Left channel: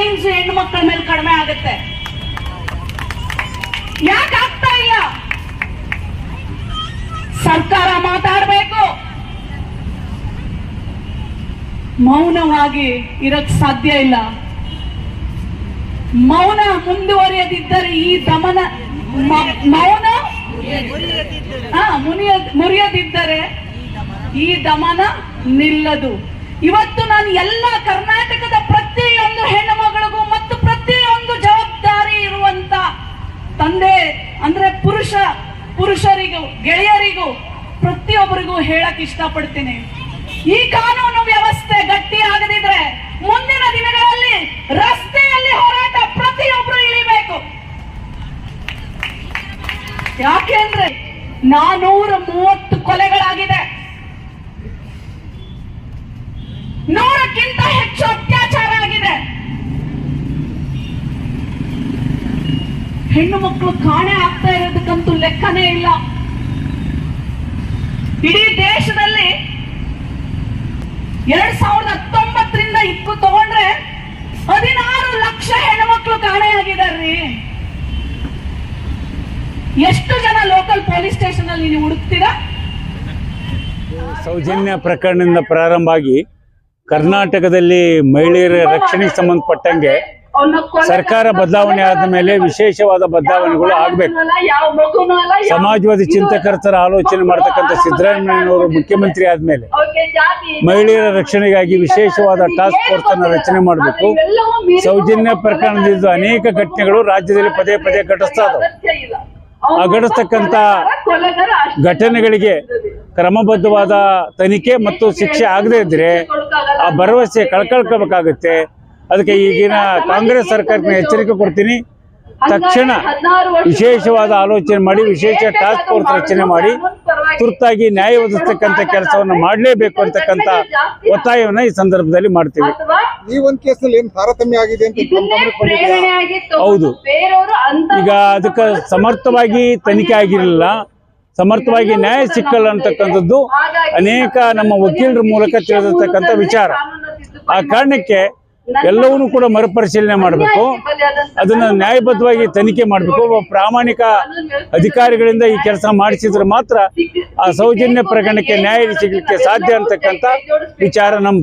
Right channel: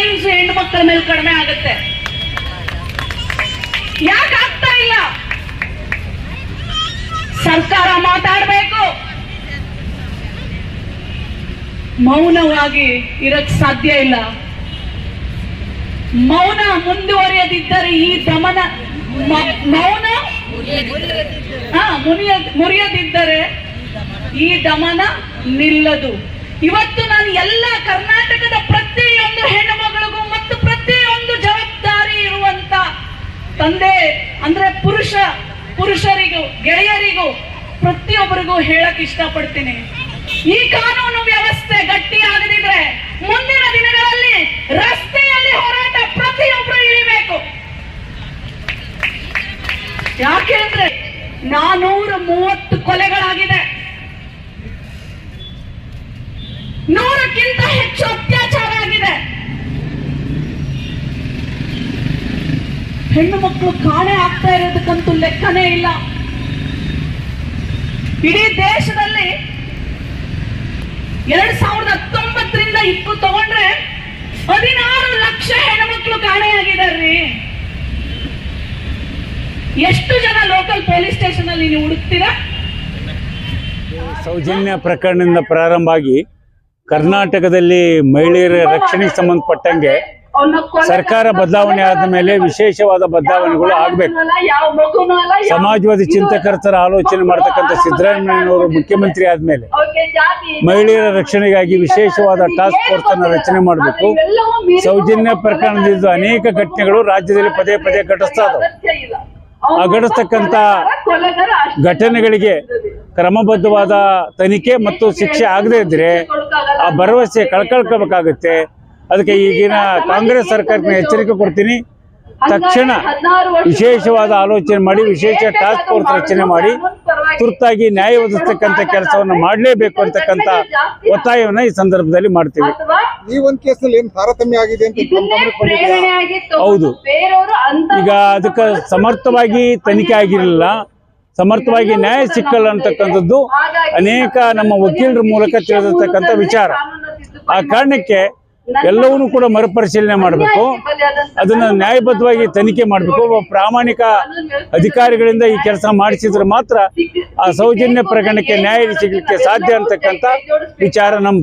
Times ಹೆಣ್ಣು ಮಕ್ಕಳ ಮೇಲೆ ಕಡಿಮೆ ಆಗುತ್ತೆ. ಯಾಕೆ ಆಗ್ತಾ ಇಲ್ಲ? ಸರ್ಕಾರ ಮಾತಾಡಬೇಕು. ಮೌನವಾಗಿ ಇರಕ್ ಸಾಧ್ಯ ಇಲ್ಲ. ಮೌನ ಮುಂದುವರಿಯದಿದ್ದರೆ ಈ ದಮನ ಮೌನ ಮುನಿಯ, ಮುರಿಯದಿದ್ದರೆ ಈ ದಮನ ನಿಲ್ಲದು. ಇವತ್ತು ನಾನು ಎಲ್ಲ ಕರ್ನಾಟಕದ ಪುರುಷರಿಗೂ, ಗೆಳೆಯರಿಗೂ ಪ್ರತಿಯೊಬ್ಬರಿಗೂ ಹೇಳಕ್ ಇಷ್ಟಪಡ್ತೀನಿ. ಈ ಕಾನೂನು ವ್ಯವಸ್ಥೆ ಗಟ್ಟಿ ಮುಂದಿನ ದಿನಗಳಲ್ಲಿ ರಸ್ತೆಯಲ್ಲಿ ಹೋರಾಟ ಪ್ರತಿಯೊಬ್ಬರು ಇಳಿಬೇಕು. ಯಾಕೆ ಅಂದ್ರೆ ನಾನೂರ ಮೂವತ್ತು ಕೊಲೆಗಳಾಗಿದೆ ಹೆಣ್ಣು ಮಕ್ಕಳು ಕಾಣೆ ಆಗ್ತಾ ಇರೋದಕ್ಕಂತೂ ಲೆಕ್ಕನೇ ಇಲ್ಲ. ಇಡೀ ದೇಶದಲ್ಲಿ ಎರಡ್ ಸಾವಿರದ ಹತ್ತೊಂಬತ್ತರಿಂದ ಇಪ್ಪತ್ತು ತಗೊಂಡ್ರೆ ಹದಿನಾರು ಲಕ್ಷ ಹೆಣ್ಮಕ್ಳು ಕಾಣೆಯಾಗಿದ್ದಾರೆ. ಎಷ್ಟು ಜನ ಲೋಕಲ್ ಪೊಲೀಸ್ ಸ್ಟೇಷನ್ ಅಲ್ಲಿ ನೀವು ಹುಡುಕ್ತೀರಾ? ಸೌಜನ್ಯ ಪ್ರಕರಣದಿಂದ ಪ್ರಾರಂಭ ಆಗಿ ಕರ್ನಾಟಕದಲ್ಲಿ ಮಹಿಳೆಯರ ರಕ್ಷಣೆಗೆ ಸಂಬಂಧಪಟ್ಟಂಗೆ ಸರ್ಕಾರ ಬದಲಾವಣೆ ಆದ ಮೇಲೆ ವಿಶೇಷವಾದ ಬದಲಾವಣೆಗಳು ಆಗ್ಬೇಕು. ಸಮಾಜವಾದಿ ಚಿಂತಕರ ತರ ಆಲೋಚನೆ ಮಾಡತಕ್ಕಂಥ ಸಿದ್ದರಾಮಯ್ಯನವರು ಮುಖ್ಯಮಂತ್ರಿ ಆದ್ಮೇಲೆ ಮಹಿಳೆಯರ ರಕ್ಷಣೆಗಾಗಿ ವಿಶೇಷವಾದ ಟಾಸ್ಕ್ ಫೋರ್ಸ್ ಅನ್ನು ರಚನೆ ಮಾಡಬೇಕು. ಸೌಜನ್ಯ ಪ್ರಕರಣದಿಂದ ಅನೇಕ ಘಟನೆಗಳು ರಾಜ್ಯದಲ್ಲಿ ಪದೇ ಪದೇ ಘಟಿಸ್ತಾ ಇದಾವೆ. ಆ ಘಟಿಸ್ತಕ್ಕಂಥ ಘಟನೆಗಳಿಗೆ ಕ್ರಮಬದ್ಧವಾದ ತನಿಖೆ ಮತ್ತು ಶಿಕ್ಷೆ ಆಗದೇ ಇದ್ರೆ ಆ ಭರವಸೆ ಕಳ್ಕೊಳ್ಕೋಬೇಕಾಗುತ್ತೆ. ಅದಕ್ಕೆ ಈಗಿನ ಕಾಂಗ್ರೆಸ್ ಸರ್ಕಾರಕ್ಕೆ ಎಚ್ಚರಿಕೆ ಕೊಡ್ತೀನಿ. ತಕ್ಷಣ ವಿಶೇಷವಾದ ಆಲೋಚನೆ ಮಾಡಿ ವಿಶೇಷ ಟಾಸ್ಕ್ ಫೋರ್ಸ್ ರಚನೆ ಮಾಡಿ ತುರ್ತಾಗಿ ನ್ಯಾಯ ಒದಗಿಸ್ತಕ್ಕಂಥ ಕೆಲಸವನ್ನು ಮಾಡಲೇಬೇಕು ಅಂತಕ್ಕಂಥ ಒತ್ತಾಯವನ್ನು ಈ ಸಂದರ್ಭದಲ್ಲಿ ಮಾಡ್ತೀವಿ. ಈ ಒಂದು ಕೇಸಲ್ಲಿ ಏನ್ ತಾರತಮ್ಯ ಆಗಿದೆ ಹೌದು. ಅಂತ ಈಗ ಅದಕ್ಕೆ ಸಮರ್ಥವಾಗಿ ತನಿಖೆ ಆಗಿರಲಿಲ್ಲ. ಸಮರ್ಥವಾಗಿ ನ್ಯಾಯ ಸಿಕ್ಕಲ್ಲ ಅಂತಕ್ಕಂಥದ್ದು ಅನೇಕ ನಮ್ಮ ವಕೀಲರ ಮೂಲಕ ತಿಳಿದಿರ್ತಕ್ಕಂಥ ವಿಚಾರ. ಆ ಕಾರಣಕ್ಕೆ ಎಲ್ಲವನ್ನೂ ಕೂಡ ಮರುಪರಿಶೀಲನೆ ಮಾಡಬೇಕು. ಅದನ್ನು ನ್ಯಾಯಬದ್ಧವಾಗಿ ತನಿಖೆ ಮಾಡಬೇಕು. ಒಬ್ಬ ಪ್ರಾಮಾಣಿಕ ಅಧಿಕಾರಿಗಳಿಂದ ಈ ಕೆಲಸ ಮಾಡಿಸಿದ್ರೆ ಮಾತ್ರ ಆ ಸೌಜನ್ಯ ಪ್ರಕರಣಕ್ಕೆ ನ್ಯಾಯ ಸಿಗಲಿಕ್ಕೆ ಸಾಧ್ಯ ಅಂತಕ್ಕಂಥ ವಿಚಾರ ನಮ್ದು